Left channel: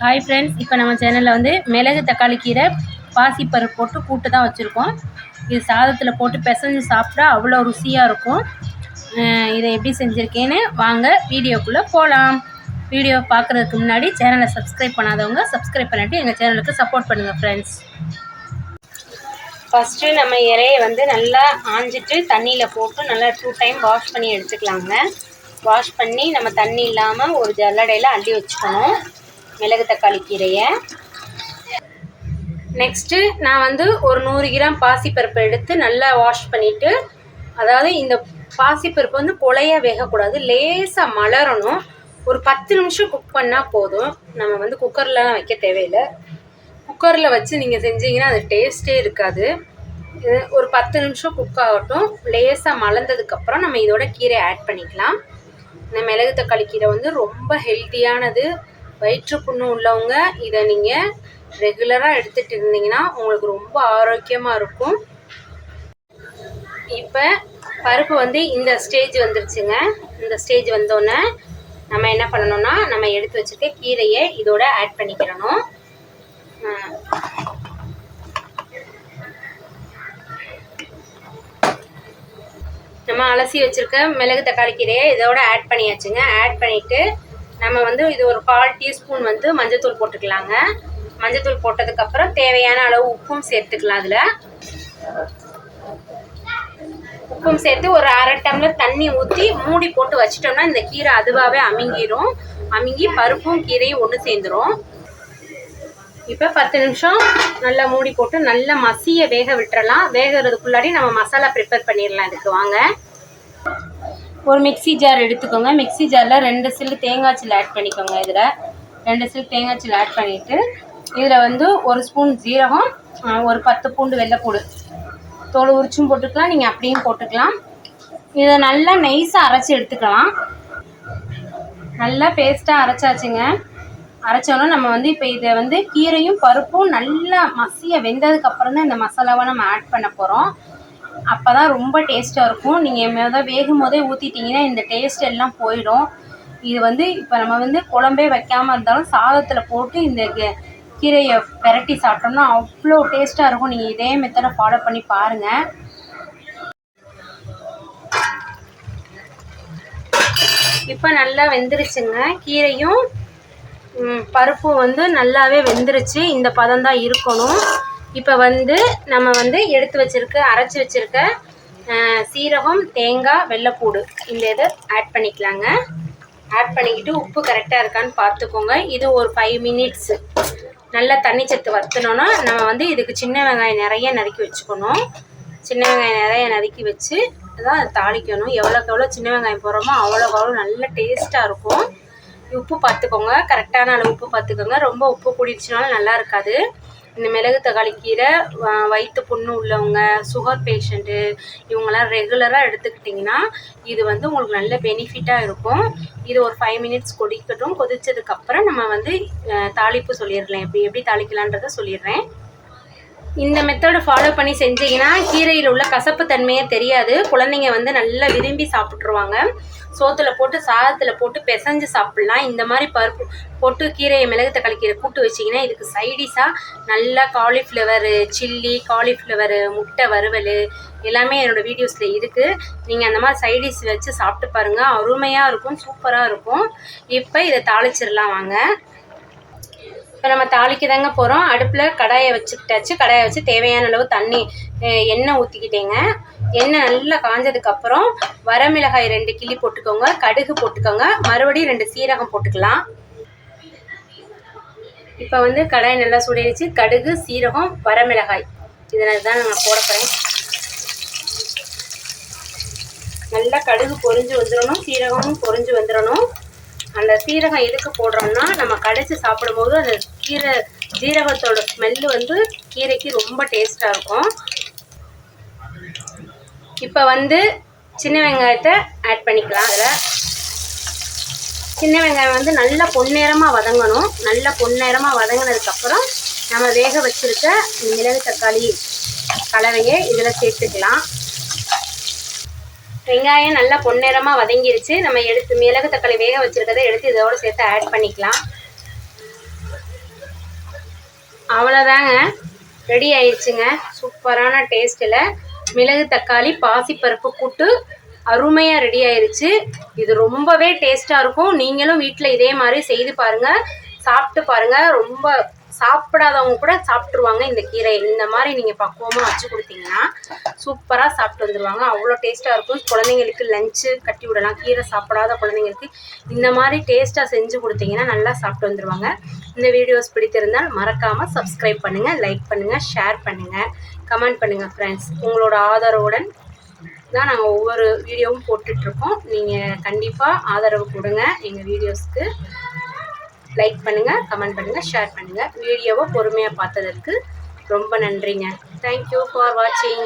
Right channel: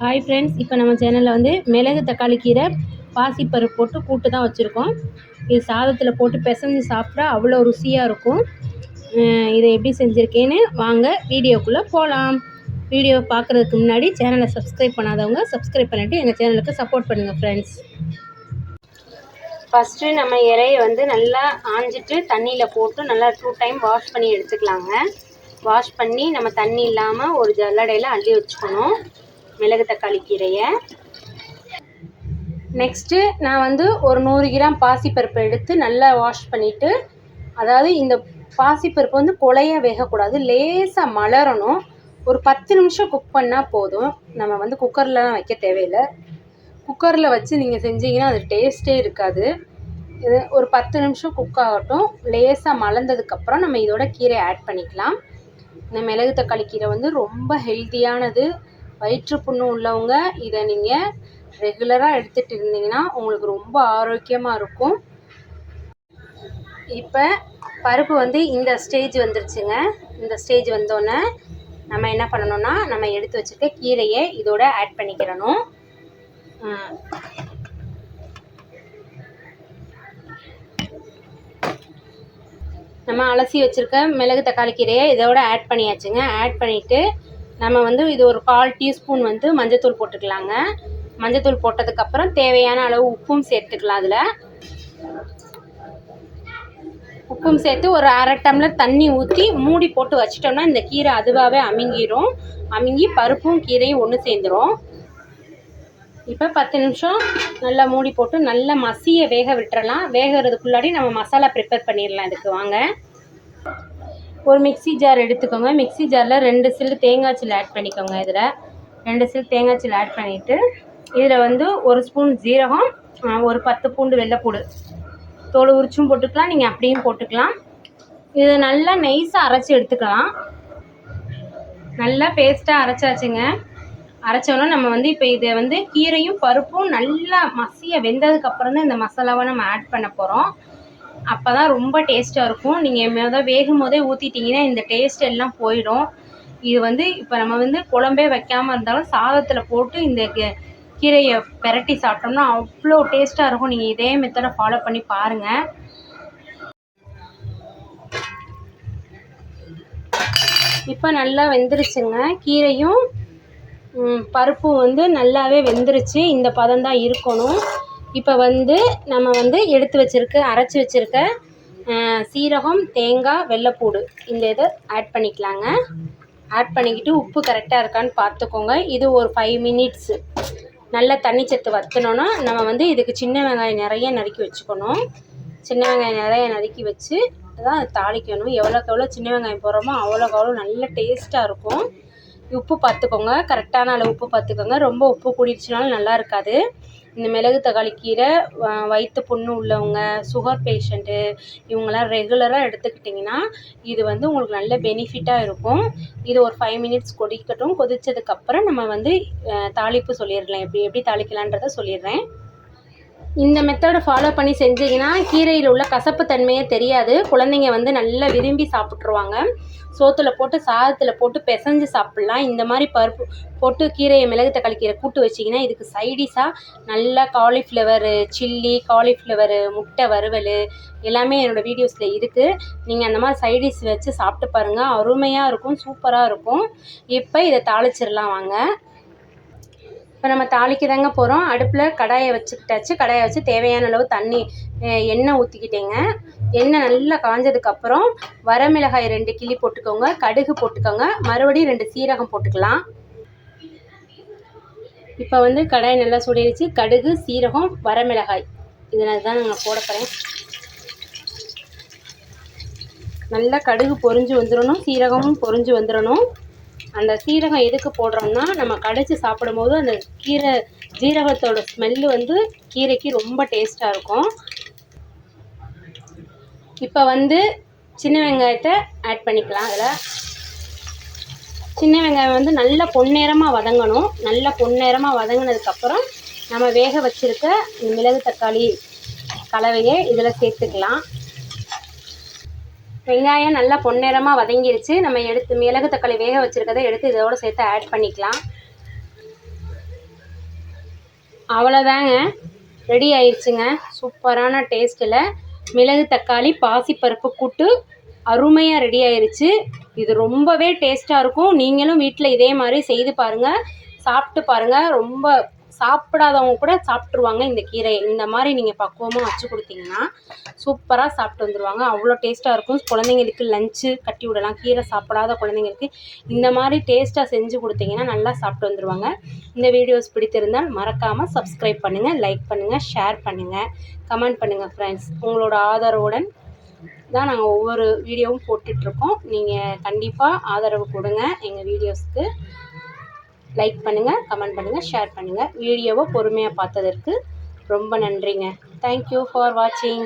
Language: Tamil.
ஹாய் ஃப்ரெண்ட்ஸ் இப்போ நம்ம சேனலில் வந்து மிளகு தக்காளி கீரை பாசிப்பருப்பு போட்டு கூட்டு தான் வச்சுருக்கோம். இது சாதத்தில் போட்டு பிசைஞ்சு சாப்பிட்டா அவ்வளோ ருசியாக இருக்கும். இதை எப்படி செஞ்சுருக்கேன்னு வாங்க வீடியோக்குள்ளே போகலாம் வீடியோ பார்க்குறதுக்கு முன்னாடி சேனலை சப்ஸ்கிரைப் பண்ணாதவங்க சப்ஸ்கிரைப் பண்ணிட்டு எங்கள் சேனலுக்கு சப்போர்ட் பண்ணுங்கள் ஃப்ரெண்ட்ஸ் ஃபஸ்ட்டு நம்ம இறையை வந்து நல்லா ஆஞ்சிட்டு தண்ணியில் போட்டு நல்லா டூ டைம் வாஷ் பண்ணி எடுத்துக்கலாங்க. வாஷ் பண்ணி நம்ம தண்ணி இல்லாமல் ஒரு ஜல்லடையில் அள்ளி வச்சுக்கணும். மிளகு தக்காளி கீரையை. நெக்ஸ்ட்டு நான் வந்து ஒரு நூறு கிராம் பாசிப்பருப்பை எடுத்து நல்லா வாஷ் பண்ணிவிட்டு அதாவது இந்த பாசிப்பருப்பு வந்து கொலைய வேகக்கூடாது லேசாக மலரணும். ஒரு பத்து நிமிஷம் குக் பண்ணால் போதும். நம்ம வந்து குக்கர்லாம் வைக்க தேவையில்லை. குக்கரில் வச்சு நீங்கள் செஞ்சீங்கன்னா அது டேஸ்ட்டே இருக்காது. ஒரு பத்து நிமிஷம் குக் ஆகட்டும். லேசாக மலர்ந்ததுக்கப்புறம் நம்ம இதோட கீரை ஆட் பண்ணிக்கலாம். இந்த மிளகு தக்காளி கீரை வந்து ரொம்ப ஹெல்த்தியானது வயிற்று புண்ணு உள்ளவங்க இதை நீங்கள் ரெகுலராக எடுத்துகிட்டு இருந்தீங்கன்னா உங்களுக்கு ரொம்ப ஆரோக்கியமாக இருக்கும். இப்போ பருப்பு வந்து இந்த ஸ்டேஜ் வந்துருச்சுங்க. இந்த ஸ்டேஜ் வந்தோடனே நம்ம என்ன பண்ணணும்னா நம்ம எடுத்து வச்சுருக்க கீரையை இதோட ஆட் பண்ணிக்கிறணும். நம்ம அலசி வச்சுருக்க மிளகு தக்காளி கீரையை இதோட ஆட் பண்ணியாச்சுங்க. ஆட் பண்ணிவிட்டு நம்ம வந்து இது ஒரு கால் டீஸ்பூன் வந்து மஞ்சத்தூள் போட்டுக்கலாங்க. மஞ்சத்தூள் போட்டதுக்கப்புறம் தேவையான அளவு உப்பும் சேர்த்துக்கலாம் அதில். உப்பும் சேர்த்து ஒரு அரை டம்ளர் தண்ணி ஊற்றி மூடி போட்டு வச்சிட்டோம்னா இந்த கீரை அதுவாகவே அமுங்கிடும் அமுங்கி பருப்பும் கீரையும் ஒன்று சேர்ந்துடும் இப்போ பத்து நிமிஷம் நல்லா மூடி போட்டு நல்லா மசிய வேக விட்டுறலாம். வேகிறதுக்குள்ளாடி நம்ம மசாலா ப்ரிப்பேர் பண்ணிடலாம் இதுக்கு வாங்க. ஒரு மிக்ஸி ஜார் எடுத்துக்கோங்க. மிக்ஸி ஜாரில் ரெண்டு சில்லு தேங்காய் சில்லு ஆட் பண்ணிக்கோங்க இதில். ரெண்டு சில்லு தேங்காய் சில்லு ஆட் பண்ணிவிட்டு இதில் வந்து ஒரு ஸ்பூன் ஜீரகம் ஒரு பத்து பூண்டு வெள்ளைப்பூடு தோல் உரிச்சும் போட்டுக்கலாம் நீங்கள் அப்படியும் போட்டுக்கலாம். இதை நல்லா நைஸாக அரைச்சி எடுத்துக்கலாம். நல்லா பேஸ்ட்டாக அரைச்சாச்சுங்க. அரைச்சோன்னா நம்ம வந்து இப்போ இதை வந்து கீரையும் பருப்பும் நல்லா மசிய வெந்ததுக்கப்புறம் தான் இந்த மசாலாவை நம்ம ஆட் பண்ண போகிறோம் அப்போ தான் ரொம்ப டேஸ்ட்டாக இருக்கும். நீங்கள் மொதல் வேகும் போதே ஊற்றிட்டிங்கன்னா இந்த டேஸ்ட் எல்லாம் போயிடும். இது வந்து இப்போ நம்ம வந்து குழம்பே வைக்காமல் இருந்தாலும் சாதத்தில் போட்டு இந்த கீரையை பெரட்டி சாப்பிட்டோம்னா அவ்வளோ டேஸ்ட்டாக இருக்கும். நீங்கள் இதே மெத்தடை ஃபாலோ பண்ணி பாருங்கள் இப்போ நல்லா வெந்துருச்சுங்க. கீரையும் பருப்பும் வந்து நல்லாவே வெந்துருச்சு. இந்த பதம் தான் இருக்கணும். இப்போ வந்து நம்ம வந்து எடுத்து வச்சுருக்க அரைச்சி வச்சுருக்க சீரகம் தேங்காய் வெள்ளைப்பூடு இந்த இதை ஆட் பண்ணிக்கலாங்க. ஆட் பண்ணிக்கிட்டு உப்பு கரெக்டாக இருக்கான்னு பார்த்துக்கோங்க. இது ஒரு ஃபைவ் மினிட்ஸு நல்லா தண்ணி சத்து வற்றினோன்னா நம்ம வந்து இதுக்கு சின்ன வெங்காயம் நிறைய நறுக்கி வச்சுக்கணும். சின்ன வெங்காயம் நிறைய நறுக்கி வச்சு தான் தாளிக்கணும். எவ்வளோக்கு எவ்வளோ சின்ன வெங்காயம் போடுறோமோ அவ்வளோக்கு அவ்வளோ நல்ல டேஸ்ட்டாக இருக்கும். உப்பு பார்த்துக்கோங்க. கரெக்டான அளவு உப்பு பார்த்துக்கோங்க. ரொம்ப உப்பு கூடிடுச்சுனாலும் நல்லா இருக்காது. இந்த மிளகு தக்காளி கீரை வயிற்று புண்ணு உள்ளவங்க சுகர் பேஷண்ட்டு இவங்கெல்லாம் ரெகுலராக எடுத்துக்கிட்டிங்கன்னா இது வந்து உங்களுக்கு நல்ல பெனிஃபிட்டாக இருக்கும். இது ஒரு ஃபைவ் மினிட்ஸ் கொதிக்கட்டும். கொதித்ததுக்கப்புறம் நம்ம வந்து தாளிப்பு சொல்லிடலாம். எப்படி எப்படி தாளிக்கலான்றதை சொல்லிடுறேன். இந்த மெத்தடை ஃபாலோ பண்ணி செஞ்சீங்கன்னா கீரையில் உள்ள கசப்பு தன்மையே தெரியாது. குழந்தைங்க வந்து நல்லா விரும்பி சாப்பிட்ருவாங்க சோத்துல போட்டு சாதத்தில் போட்டு பிசைஞ்சு சாப்பிட்லாம். இந்த மாதிரி பருப்பு போட்டு கீரையை மிளகு தக்காளி கீரை கூட்டு வச்சிங்கன்னா இதுக்கு சைடிஷாக நல்லா காலிஃப்ளவரு சில்லி காலிஃப்ளவரு முட்டை வறுவல் எல்லாமே என்னோடய வீடியோஸில் இருக்குது நீங்கள் அந்த மாதிரி சைடிஷ் வச்சு சாப்பிட்டு பாருங்கள் அருமையாக இருக்கும் சூப்பராக இருக்கும். இப்போ இதை தாளிச்சிடலாம் வாங்க. இப்போ நம்ம தாளிக்கு தாங்க போகிறோம் அடுப்பில் கடாயை வச்சுக்கிட்டாச்சு கடாயை வச்சு தேவையான அளவு தண்ணி எண்ணெய் ஊற்றிக்கிட்டேங்க எண்ணெய் நல்லா காஞ்சதுக்கப்புறம் வரமிளகாய் ரெண்டு கிள்ளி போட்டுக்கோங்க. கடுகு போட்டுக்கோங்க. மறுபடியும் ரெண்டு சீரகம் போட்டுக்கலாம். இப்போ வந்து கடாயை நல்லா சுடிடுச்சு கடுகு சீரகம் வரமிளகாய் இதனால் தான் நாங்கள் போட போகிறேன் நல்லா கடுகு பொறிஞ்சு வந்துடணும் சீரகமும் பொரிஞ்சு வந்துடணும் அந்த சீரகம் எதுக்கு போடுறோம்னா நம்ம கடைச்சி சாப்பிடும்போது அந்த கீரை ஜீரகத்தோட ஸ்மெல்லு வந்து கீரைக்கு ரொம்ப டேஸ்ட்டாக இருக்கும். இப்போ வந்து சின்ன வெங்காயத்தை ஆட் பண்ணிக்கலாம் அதில். சின்ன வெங்காயம் வந்து நல்லா பொன்னேரமாக வதங்கணும். நல்லா பொன்னேரமாக வதங்கினதுக்கப்புறம் நம்ம வேக வச்சுருக்க மிளகு தக்காளி கலவையை இதில் சேர்த்துக்கலாம். வெங்காயம் நல்லா பொன்னிறமாக வதங்கிருச்சு. நம்ம எடுத்து மிளகு தக்காளி வேக வச்சுருக்கதை எடுத்து இதோடு சேர்த்து ஆட் பண்ணிக்கலாம். அவ்வளோதாங்க ரெடி ஆயிடுச்சுங்க. சூப்பரான டேஸ்ட்டில் மிளகு தக்காளி பாசிப்பருப்பு கூட்டு அருமையாக ரெடி ஆயிடுச்சு இது ரொம்பவே டேஸ்ட்டாக இருக்கும். நீங்களும் வீட்டில் இதே மாதிரி செய்து பாருங்கள் சாப்பிட்டு பாருங்கள் ரொம்ப சாப்பிடாதவங்க கூட சாப்பிட்ருவாங்க இந்த கீரை இந்த மாதிரி நீங்கள் பக்குவமாக வச்சு கொடுத்தீங்கன்னா சூப்பராக சாப்பிட்டு வந்துடுவாங்க அவ்வளோ டேஸ்ட்டாக இருக்கும். குழந்தைங்களுக்கு லஞ்சு கட்டி விடலாம். கீரை சாப்பிடாத குழந்தைங்களுக்கு இந்த மாதிரி டேஸ்ட்டாக செஞ்சு கொடுத்தீங்கன்னா நல்லா சாப்பிட்டு வந்துடுவாங்க இந்த வீடியோஸ் பிடித்திருந்தால் மறக்காமல் சப்ஸ்கிரைப் பண்ணுங்கள் லைக் பண்ணுங்கள் ஷேர் பண்ணுங்கள் கமெண்ட் பண்ணுங்கள் ஃப்ரெண்ட்ஸ் உங்களோட ஆதரவுடன் தான் நாங்கள் ஒவ்வொரு வீடியோவும் போட்டுட்ருக்கோம். நீங்கள் கண்டிப்பாக ஆதரவு கொடுங்க. எங்கள் வீடியோஸ்க்கு லைக் பண்ணுங்கள் கமெண்ட் பண்ணுங்கள் ஷேர் பண்ணுங்கள் வீடியோவை பொறுமையாக பார்த்ததற்கு ரொம்ப நன்றிங்க. தேங்க்யூ ஃபார் வாட்சிங்